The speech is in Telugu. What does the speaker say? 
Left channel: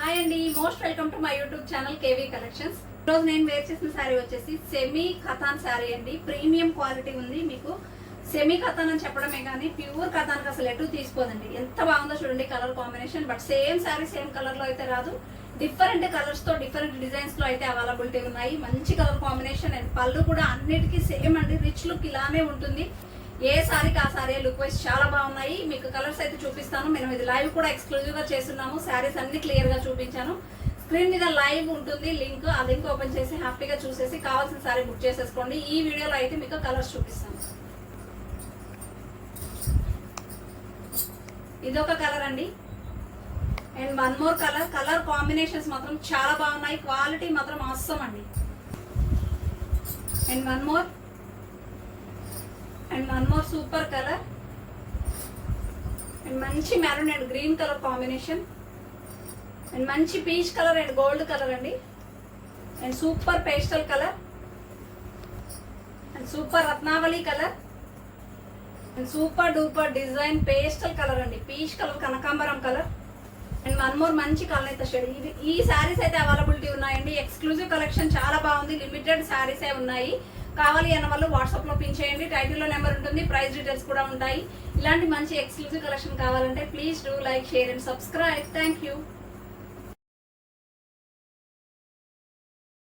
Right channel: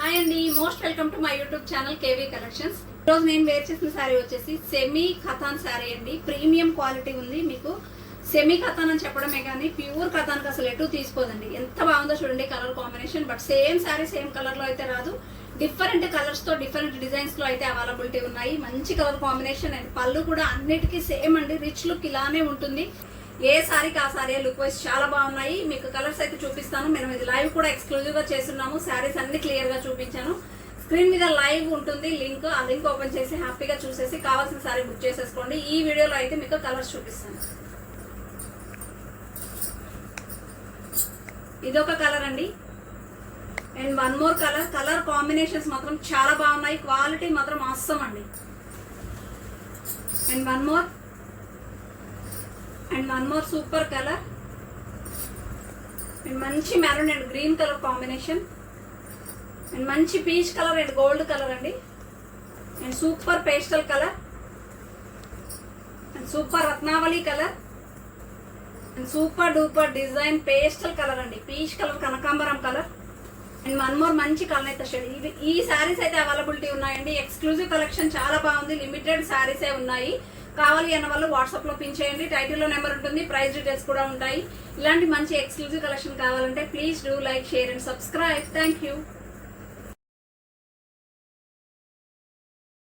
హాయ్ అండి, most welcome to my YouTube channel KV collections. ఈరోజు నేను వేర్ చేసిన శారీ వచ్చేసి సెమీ ఖతాన్ శారీ అండి. ప్రీమియం క్వాలిటీ ఉంది. మీకు సెమీ ఖతాన్ అని చెప్పడమే కానీ ప్యూర్ ఖతాన్కి అసలు ఎటు తీసుకోదండి. ఎంత బాగుందో చూడండి colour combination. But same sari same colour లో అయితే రాదు. డిఫరెంట్ కలర్స్ తో డిఫరెంట్ డిజైన్స్ లో అయితే అవైలబిలిటీ ఉన్నాయి. మంచి కలర్ కాంబినేషన్ అండ్ పళ్ళు కూడా అన్నిటికీ సేమ్ అండి. రిచ్ లుక్ ఇలానే ఉంటుంది. ఏ సారీకి ఆ సారీ లుక్ వైజ్ చాలా బాగున్నాయి. మీకు కలర్స్ అయితే చూపిస్తాను. మేము ఇది లైవ్ కూడా ఎక్స్క్లూజివ్ గా చేస్తున్నాము. శారీస్ అన్ని క్లియర్ గా చూపించాను. స్క్రీన్ మీద లైవ్ ఉంటుంది లింక్. ఆ లింక్ ఓపెన్ చేసి హ్యాపీగా చూసేసి కావాల్సిన సారీ బుక్ చేసేసుకోండి. ఈ వీడియోలో అయితే మీకు కలర్స్ చూపిస్తాను. ఇదొక కలర్ అండి and one more colour. Colour combinations మాత్రం చాలా బాగున్నాయి. క్వాలిటీ మాత్రం అవసరం అండి. And one more super colour and మంచి maroon and green colour combination and మంచి peach colour and gold colour అండి and super pastel colour and super Ratnavali colour and super duper design pastel colour అండి. పీచ్ కలర్, కనకాంబరం కలర్ అండ్ వన్ మోర్ మంచి కలర్ షేడ్. ఈ శారీస్ అయితే అవైలబిలిటీ ఉన్నాయండి. ఎక్స్క్లూజివ్ కలెక్షన్ చాలా బాగుంది. లిమిటెడ్ శారీస్ ఉన్నాయి. కావాలి అన్న వాళ్ళు వాట్సాప్ లో పిన్ చేయండి. టైటిల్ లో నెంబర్ ఉంటుంది. ప్రైస్ డీటెయిల్స్ కూడా ఉంటాయి. ఇలాంటి మంచి ఎక్స్క్లూజివ్ కలెక్షన్ కావాలంటే please do like, share and subscribe. Thank you.